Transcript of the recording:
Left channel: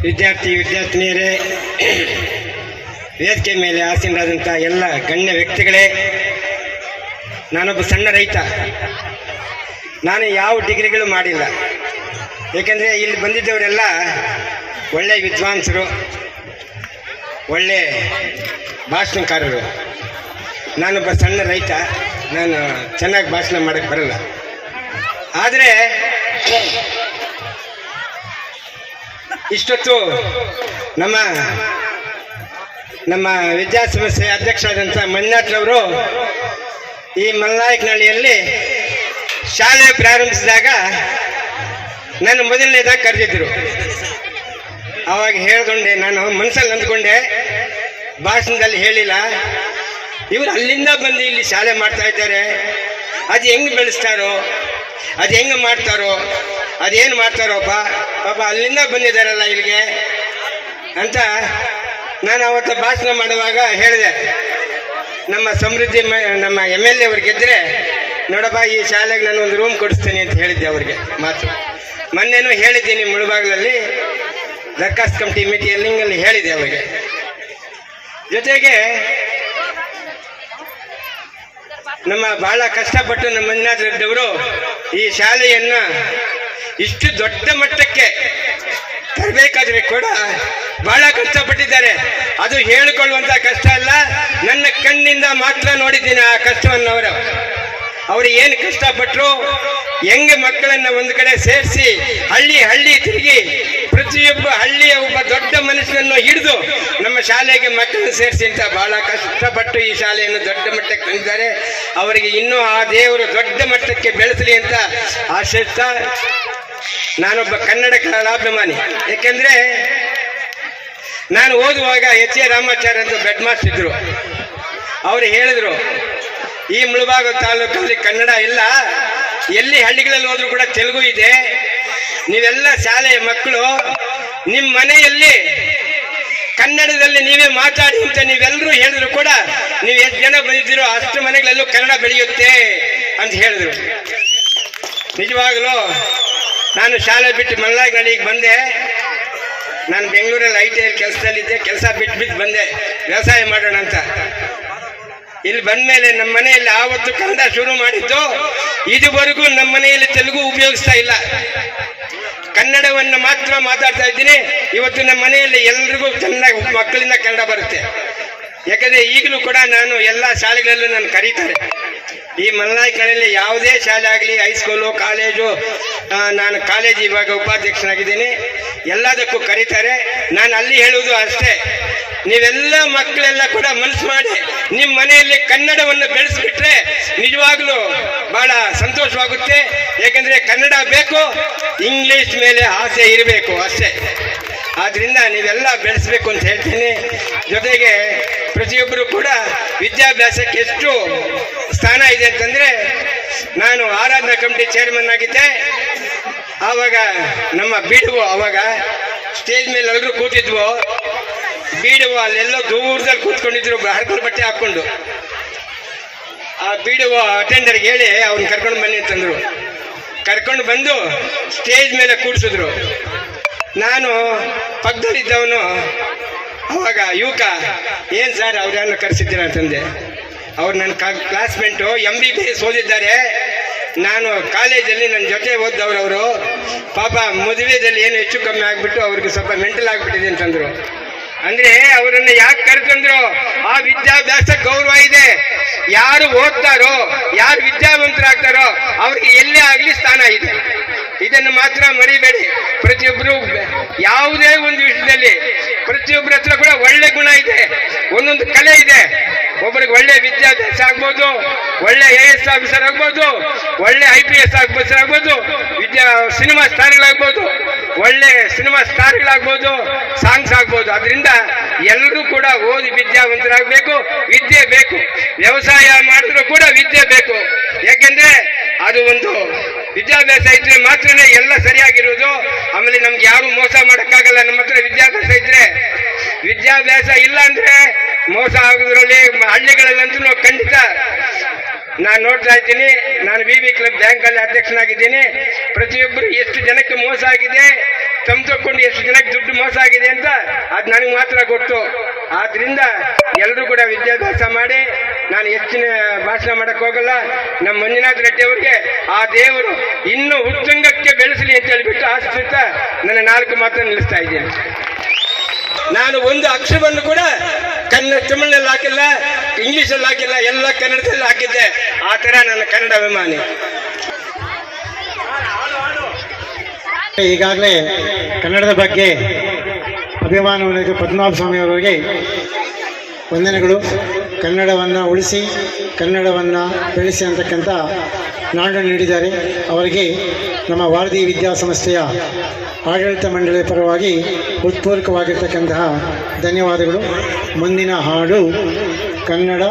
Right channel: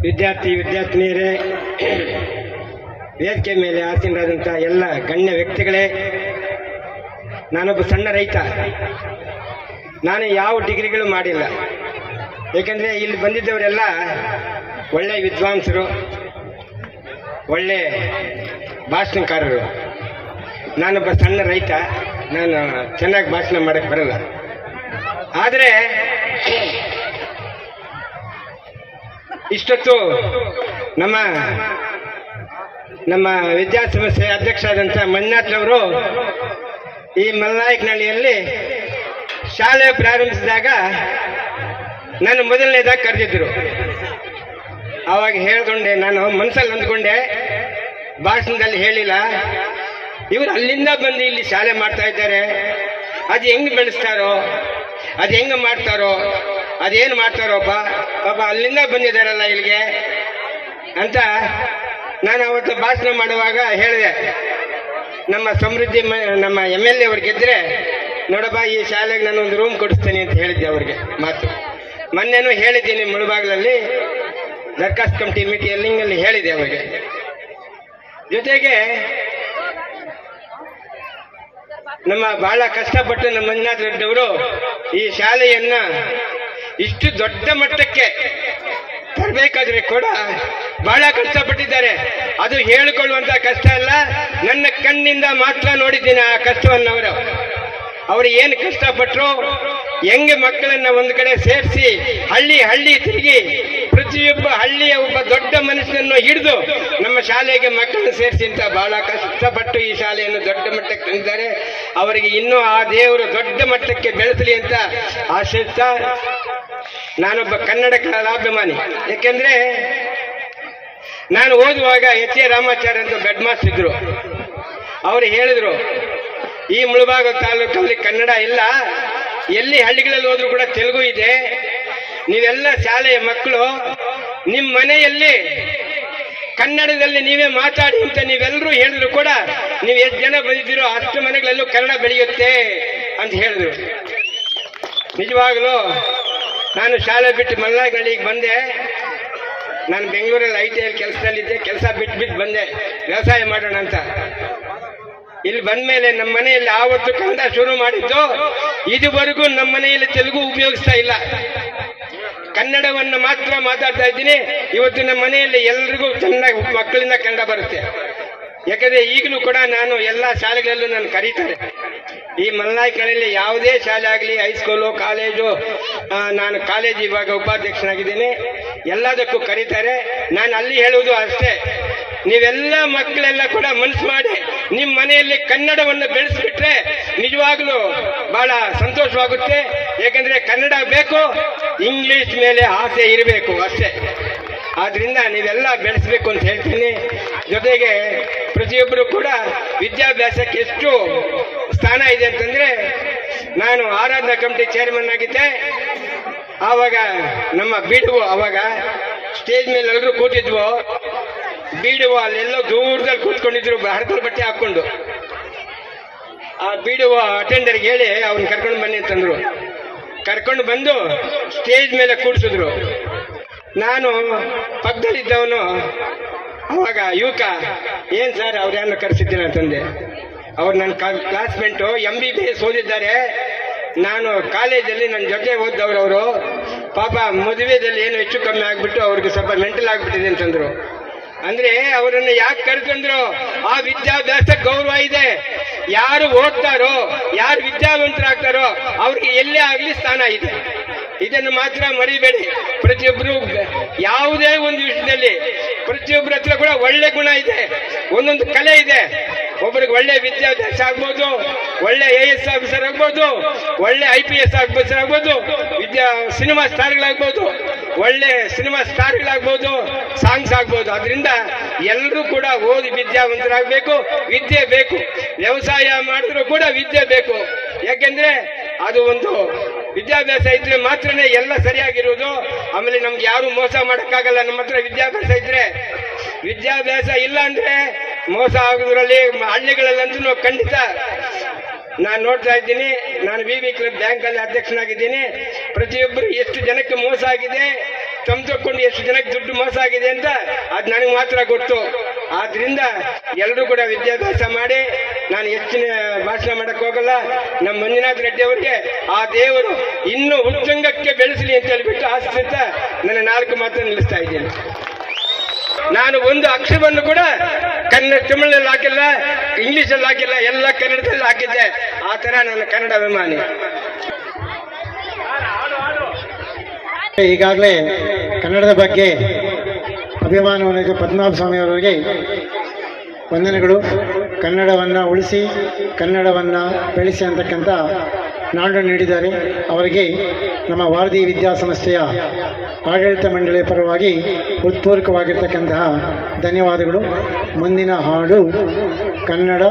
ವಿದ್ಯಾರ್ಥಿ, ವಿದ್ಯಾರ್ಥಿನಿಯರೇ, ವೇದಿಕೆ ಮೇಲೆ ಆಸೀನರಾದಂಥ ಎಲ್ಲ ಗಣ್ಯ ವ್ಯಕ್ತಿಗಳೇ, ನಾನೊಬ್ಬ ಸಣ್ಣ ರೈತ. ನಾನು ಯಾವ ಡಿಗ್ರಿಗಳು ಮಾಡಿಲ್ಲ. ಏಕೆಂದರೆ ಇಲ್ಲಿ ಬಂದಿದ್ದವರೆಲ್ಲ ಒಳ್ಳೆ ವಿದ್ವಾಂಸರು, ಒಳ್ಳೆ ಭಾಷಣಕಾರರು. ನಾನೊಬ್ಬ ಸಣ್ಣ ರೈತ, ನಾನು ಚೆನ್ನಾಗಿ ಭಾಷಣ ಮಾಡೋಕ್ಕೆ ಬರಲ್ಲ. ಆದರೆ ಇಷ್ಟೊತ್ತು ನಮ್ಮ ನಮ್ಮ ವಿದ್ಯಾಸಂಸ್ಥೆ ಅಧ್ಯಕ್ಷರಾದಂಥ ಮಂಜುನಾಥ್ರವರು ಈ ಮಲ್ನಾಯಕನಹಳ್ಳಿಯಲ್ಲಿ ಶಾಲೆ ಪ್ರಾರಂಭಿಸಿದಾಗ ನನ್ನ ಮೊದಲನೇದಾಗಿ ಕರೆದಿದ್ದರು. ಆವಾಗ ಹೇಳ್ಕೊಂಡೆ, ನಾನು ಮನಸ್ಸಲ್ಲಿ ಅಂದ್ಕೊಂಡೆ, ಭಾಷಣದಲ್ಲಿ ಹೇಳಿಲ್ಲ. ಇವರು ಅಲ್ಲಿಂದ ಬಂದು ಇಲ್ಲಿ ಶಾಲೆ ಮಾಡ್ತಾ ಇದ್ದಾರೆ. ಅದು ಹೆಂಗೆ ಬೆಳೆಸ್ತಾರೋ, ಅದು ಹೆಂಗೆ ಮಾಡ್ತಾರೋ ಅದೇನು ಮಾಡ್ತಾರೋಪ್ಪ ಪಾಪ ಅಲ್ಲಿಂದ ಬಂದಿದ್ದಾರಲ್ಲ ಇಲ್ಲಿಗೆ? ಅಂತ ನಾನು ಅವತ್ತು ಭಾಷಣ ಮಾಡುವಾಗ ಹೇಳಿದೆ. ನಮ್ಮ ಸಮೃದ್ಧಿ ನಮ್ಮ ಎಂ ಎಲ್ ಎ ಅವ್ರು ಗೆದ್ದರೆ ನೋಡಪ್ಪ, ಈ ಶಾಲೆಗೆ ನಾನು ಒಂದು ರೂಮ್ ಕೊಡಿಸ್ತೇನೆ ಅಂತ ಹೇಳಿದ್ದೆ ಅವ್ರಿಗೆ ಮಾತು. ಮೊನ್ನೆನೂ ಹೇಳಿದ್ದೀನಿ ಮುಳುಬಾಗ್ಲಲ್ಲಿ ದರ್ಖಾಸ್ ಕಮಿಟಿ ಮೀಟಿಂಗಲ್ಲಿ ಹೇಳಿದೆ ಅವರಿಗೆ. ಜೊತೆಗೆ ನಮ್ಮ ಬಹಳ ಕಷ್ಟಪಟ್ಟು ನಮ್ಮ ಮಂಜುನಾಥ ರೆಡ್ಡಿ ಅವರು ಈ ಶಾಲೆಯನ್ನ ಇಷ್ಟು ದೊಡ್ಡ ಮಟ್ಟಕ್ಕೆ ತರಬೇಕಾದ್ರೆ ಕೂಡ ಬಹಳ ಕಷ್ಟಪಟ್ಟಿದ್ದಾರೆ. ಅದು ಹೇಳಿಕೊಳ್ಳುವಂತ ಕಷ್ಟ ಅಲ್ಲ, ನನ್ನ ಕಣ್ಣಿಂದ ಮಾತ್ರ ನೋಡಿದ್ದೀನಿ ಆ ಕಷ್ಟವನ್ನು ಅವರು. ಅವರು ಏನು ಕಷ್ಟಪಟ್ಟರು ಹೆಂಗೆ ಮಕ್ಕಳನ್ನ ಒಂದು ಕಡೆ ಸೇರಿಸಿ ಹಳ್ಳಿ ಹಳ್ಳಿ ತಿರುಗಿ ಪ್ರತಿಯೊಬ್ಬ ಹಳ್ಳಿಯ ಒಬ್ಬ ದೊಡ್ಡ ಮನುಷ್ಯನನ್ನು ಹಿಡಿದು ನಮ್ಮ ಶಾಲೆಗೆ ಮಕ್ಕಳನ್ನು ಸೇರಿಸಿ ಅಂತ ಬಹಳ ಕಷ್ಟಪಟ್ಟು ಈ ಶಾಲೆಯನ್ನು ದೊಡ್ಡ ಮಟ್ಟಕ್ಕೆ ತಂದಿದ್ದಾರೆ. ಅವರಿಗೆ ಇನ್ನೂ ಆ ದೇವರು ದೊಡ್ಡ ಮಟ್ಟಕ್ಕೆ ಬೆಳೆಸಲಿ ಅಂತ ಆಶಿಸ್ತಾ ನಾನೊಬ್ಬ ಕನ್ನಡ ಕಲಾಭಿಮಾನಿ ಯಾಕೆಂದ್ರೆ ನಾನು ಓದುವಾಗ ಎಚ್ ಎ ರಾಮಾಚಾರ್ಯ ಅಂತ ಬೆಡ್ ಮಾಸ್ಟರ್ ಇದ್ರು. ಅವರು ಹೇಳಿದ್ರು, ಈ ಮುಳುಬಾಗ ತಾಲೂಕಲ್ಲಿ ಕನ್ನಡ ಇಲ್ಲ. ಎಲ್ಲಿ ಹಳ್ಳಿಗಳಲ್ಲಿ ಹೋದ್ರು ಕೂಡ ತೆಲುಗು ಇದೆ. ನೀವೆಲ್ಲ ಶಾಲೆಯ ಮಕ್ಕಳು ನಿಮ್ಮ ಮನೆಯಲ್ಲಿ ಕನ್ನಡದಲ್ಲಿ ನೀವೇ ಮಾತಾಡಿ ಅಂತ ನೀವೆಲ್ಲರೂ ಹೇಳಿದ್ರು ಕೂಡ ನೀವು ಎಷ್ಟು ಜನ ಬಂದಿದ್ದೀರೋ ಅಷ್ಟು ಮನೆಗಳಲ್ಲೂ ಕನ್ನಡ ಬೆಳೆಯುತ್ತೆ ಅಂತ ಹೇಳಿದ್ರು. ನಿಜವಾಗಲೂ ನಾನು ಶಾಲೆ ಬಿಟ್ಟು ಮಲ್ನಾಯ್ನಳ್ಳಿಗೆ ಬಂದೆ. ನಾನು ಬೆಂಗಳೂರಲ್ಲಿ ಐ ಟಿ ಐ ಕೆಲಸದಲ್ಲಿದ್ದೆ. ಕೆಲಸ ಬಿಟ್ಟು ಬಿಟ್ಟು ಬಂದೆ. ವ್ಯವಸಾಯ ಮಾಡೋಣ ಅಂತ. ಇಲ್ಲಿ ಬಂದ ಮೇಲೆ ನಮ್ಮ ಮನೆಯಲ್ಲಿ ಆವತ್ತು ಕನ್ನಡ ಶುರು ಮಾಡಿದ್ದು. ಇದುವರೆಗೂ ನಮ್ಮ ಮನೆಯಲ್ಲಿ ತೆಲುಗು ಉಪಯೋಗಿಸ್ತಾ ಇಲ್ಲ. ಕನ್ನಡವನ್ನು ಮಾತ್ರ ಮಾತಾಡ್ತಾ ಇದ್ದೀನಿ. ಇವತ್ತು ನಮ್ಮ ಮನೆಯಲ್ಲಿ ಎಲ್ರಿಗೂ ಚೆನ್ನಾಗಿ ಮಕ್ಕಳಿಂದ ಕನ್ನಡ ಬರುತ್ತೆ. ಯಾಕಂದ್ರೆ ಈಗಲೂ ಕೂಡ ನಾನು ಎಲ್ಲ ಶಾಲೆಗಳಲ್ಲೂ ನಾನು ಕರೀತಾರೆ. ಈ ಮಲ್ನಾಯ್ಕನಲ್ಲಿ ಯಾವುದೇ ಶಾಲೆ ಆಗಲಿ ಹೈಸ್ಕೂಲು ಕಾಲೇಜು ನಾನು ಕಾಲೇಜ್ ಇವಾಗ ಉಪಾಧ್ಯಕ್ಷನಾಗಿದ್ದೀನಿ. ಎಲ್ಲದಕ್ಕೂ ಕರೀತಾರೆ. ನಾನು ಅಲ್ಲಿ ಹೇಳುವುದು ಅಷ್ಟೇ. ನೀವೆಲ್ಲ ಮಕ್ಕಳೆಲ್ಲ ಕೂಡ ಮನಸ್ಸು ಮಾಡಿ ನಿಮ್ಮ ಮನೆಯಲ್ಲಿ ಕನ್ನಡವನ್ನು ಬೆಳೆಸ್ಬಿಟ್ರೆ ನಿಜವಾಗ್ಲೂ ಬಹಳ ಸಂತೋಷವಾಗುತ್ತೆ. ಏಕೆಂದರೆ ಕನ್ನಡ ಬೇಕು, ಇಂಗ್ಲಿಷ್ ಮೇಲೆ ಆಸೆ ಇರಬೇಕು ಅಷ್ಟೇ. ಆದ್ರಿಂದ ನೀವೆಲ್ಲ ಬೆಳೆಸಬೇಕು ಅಂತ ಹೇಳ್ತೀನಿ. ಜೊತೆಗೆ ಪ್ರತಿಯೊಬ್ಬರು ಕೂಡ ವಿದ್ಯಾಭ್ಯಾಸಕ್ಕೆ ಎಷ್ಟು ಸ್ಥಾನ ಇದೆ ಅಂತಂದ್ರೆ ನಾನು ಆರಾಧನಾ ಕಮಿಟಿ ಚೇರ್ಮನ್ ಆಗಿದ್ದೆ. ಆವಾಗ ನಮ್ಮ ಬಿಡುವು ಅವಾಗ ಸ್ಟೇಜ್ ಮೇಲೆ ಎಲ್ಲರೂ ಕೂತಿದ್ವು. ಬೀಡುವ ಅಲ್ಲೆಲ್ಲೋ ದೂರದಲ್ಲಿ ಕೂತ್ಕೊಂಡಿದ್ರು ಹರಕಲ್ ಬಟ್ಟೆ ಹಾಕೊಂಡು ಆ ಬೀಡುವ ಅಟೆಂಡರ್ಗೆ ಹೇಳಿ ಅವ್ರು ಕರ್ಕೊಂಡು ಬನ್ನಿ ಅಂತಂದ್ರು. ಕರ್ಕೊಂಡು ಬಂದು ಸ್ಟೇಜ್ ಮೇಲೆ ಕೂಡಿಸಿದ್ರು ನಾನು ಪಕ್ಕದಲ್ಲಿದ್ದವನು ಅವಾಗ ಯುವಕ, ಏನ್ ಸರ್ ಅವ್ರನ್ನ ಕರೆಸಿದ್ದೀರ? ಅಂತಂದೆ. ಅವ್ರು ನನ್ನ classmate M B B S ಓದಿದ್ದಾರೆ. ನಾನು ಕಾಲೇಜಲ್ಲಿ ನನ್ನ ಜೊತೆ ಓದಿದವ್ರು ಅವರು. ಪಾಪ ಮದುವೆದಲ್ಲಿ ಏನು ಹೆಚ್ಚು ಕಮ್ಮಿ ಆಗಿಬಿಟ್ಟು ಅವ್ರಿಗೆ ಸ್ವಲ್ಪ ಮೆಂಟಲ್ ಆಗಿಬಿಟ್ಟಿದೆ ಅಂತಂದರು. ಅಂದರೆ ಅವರನ್ನು ಯಾಕೆ ಕರೆತಂದ್ರು ಆ ವಿದ್ಯಾಭ್ಯಾಸ ಗೌರವ ಇದೆ. ಯಾರು ಓದ್ತಾರೋ, ಯಾರು ವಿದ್ಯಾವಂತರಾಗ್ತಾರೋ ಅವ್ರಿಗೆ ಎಲ್ಲೇ ಆಗಲಿ ಸ್ಥಾನ ಇದೆ. ಇದನ್ನು ಮಾತ್ರ ಮರಿಬೇಡಿ. ಪ್ರತಿಯೊಬ್ಬರು ಯಾವುದೇ ಒಂದು ವಿಷಯದಲ್ಲಿ ಪ್ರತಿಯೊಬ್ಬರ ಹತ್ರ ಕೂಡ ಒಳ್ಳೆ ಗುಣ ಇದೆ. ಒಂದೊಂದು ಕಲೆ ಇದೆ. ಒಬ್ಬರಿಗೆ ಒಳ್ಳೆ ವಿದ್ಯಾಭ್ಯಾಸ ಆಗ್ಬೋದು, ಒಳ್ಳೆ ಎ ಎಸ್ ಆಫೀಸರ್ ಆಗ್ಬೋದು, ಒಳ್ಳೆ ಐ ಪಿ ಎಸ್ ಆಫೀಸರ್ ಆಗ್ಬೋದು, ವಿದ್ಯಾ ಸಿನಿಮಾ ಸ್ಟಾರ್ಗಳಾಗ್ಬೋದು, ಒಳ್ಳೆ ಸಿನಿಮಾ ಸ್ಟಾರ್ಗಳಾಗ್ಬೋದು ಸಾಂಗ್ಸ್ ಆಗ್ಬೋದು. ಅದರಿಂದ ಎಲ್ಲರೂ ಕೂಡ ಓದಿ ವಿದ್ಯಾವಂತರಾಗಬೇಕು, ವಿದ್ಯೆ ಬೇಕು. ವ್ಯವಸಾಯ ಮಾಡಿದ್ರು ಕೂಡ ವಿದ್ಯೆ ಬೇಕು. ಯಾಕೆಂದ್ರೆ ಅದು ಒಂದು ವಿದ್ಯಾಭ್ಯಾಸ ಇದ್ರೆ ಮಾತ್ರನೇ ಎಲ್ಲ ಸರಿಯಾಗಿರುವುದು ಆಮೇಲೆ ನಮ್ಗೆ ಯಾರು ಮೋಸ ಮಾಡೋಕ್ಕಾಗಲ್ಲ, ನಮ್ಮ ಹತ್ರ ವಿದ್ಯಾಭ್ಯಾಸ ಇದ್ರೆ. ವಿದ್ಯಾಭ್ಯಾಸ ಇಲ್ಲ ಅಂದ್ರೆ ಮೋಸ ಆಗೋದ್ರಲ್ಲಿ ಹಳ್ಳಿಗಳಲ್ಲಂತೂ ಖಂಡಿತ ನಾನು ನೋಡ್ತಾ ಇದ್ದೀನಿ. ನಾನು ವಿ ವಿ ಕ್ಲಬ್ ಬ್ಯಾಂಕ್ ಅಲ್ಲಿ ಅಧ್ಯಕ್ಷನಾಗಿದ್ದೀನಿ. ಪ್ರತಿಯೊಬ್ಬರು ಎಷ್ಟು ಜನಕ್ಕೆ ಮೋಸ ಆಗಿದೆ ತಮ್ಕೊಂಡು ಎಷ್ಟು ಜನಕ್ಕೆ ದುಡ್ಡು ಮೋಸ ಆಗಿದೆ ಅಂತ ಅದು ನನಗೆ ಮಾತ್ರ ಗೊತ್ತು. ಆದ್ರಿಂದ ಎಲ್ಲರೂ ಕೂಡ ವಿದ್ಯಾಭ್ಯಾಸ ಮಾಡಿ, ನಾನು ಹೆಚ್ಚಿನ ಭಾಷಣ ಮಾಡಕ್ಕೆ ಹೋಗಲ್ಲ. ನಮ್ಮ ಮಂಜುನಾಥ್ ರೆಡ್ಡಿ ಅವರಿಗೆ, ಆ ದೇವರು ಇನ್ನೂ ಉತ್ತುಂಗಕ್ಕೆ ಬೆಳೆಸಲಿ ಅಂತ ಹೇಳ್ಬಿಟ್ಟು ಆಶ್ರಿತ ನನ್ನ ನಾಲ್ಕು ಮಾತ್ರ ನಿಲ್ಲಿಸ್ತಾ ಇದ್ದೀನಿ. ನಾನು ಒಂದು ಅಕ್ಷರವನ್ನು ಕೂಡ ತಮಿಳಲ್ಲಿ ಹಾಕಿಲ್ಲ, ಇಂಗ್ಲೀಷಲ್ಲಿ ಹಾಕಿಲ್ಲ, ಎಲ್ಲ ಕನ್ನಡದಲ್ಲಿ ಹಾಕಿದ್ದೆ. ಆ ಥರ ನನ್ನ ಕನ್ನಡ ಅಭಿಮಾನಿ. ಈಗಾಗಲೇ ಕನ್ನಡದ ಬಗ್ಗೆ ಅಭಿಮಾನವನ್ನು ಪದ್ಮನಾಭ ಸ್ವಾಮಿ ಅವರಿಗೆ ವಂದನೆಗಳು. ಕನ್ನಡವನ್ನು ಉಳಿಸಿ, ಕನ್ನಡವನ್ನು ಬೆಳೆಸಿ ಅಂತಕ್ಕಂಥ ನಾಡು ನೀಡಿದ್ದಾರೆ. ಅವರಿಗೆ ನಮ್ಮ ಭಾರತೀಯ ವಿದ್ಯಾಸಂಸ್ಥೆಯ ಆಡಳಿತ ಮಂಡಳಿಯ ಪರವಾಗಿ ಹೃತ್ಪೂರ್ವಕವಾಗಿರ್ತಕ್ಕಂತಹ ಧನ್ಯವಾದಗಳು. ಮುಂದಿನ ಹಾಡು ಕನ್ನಡ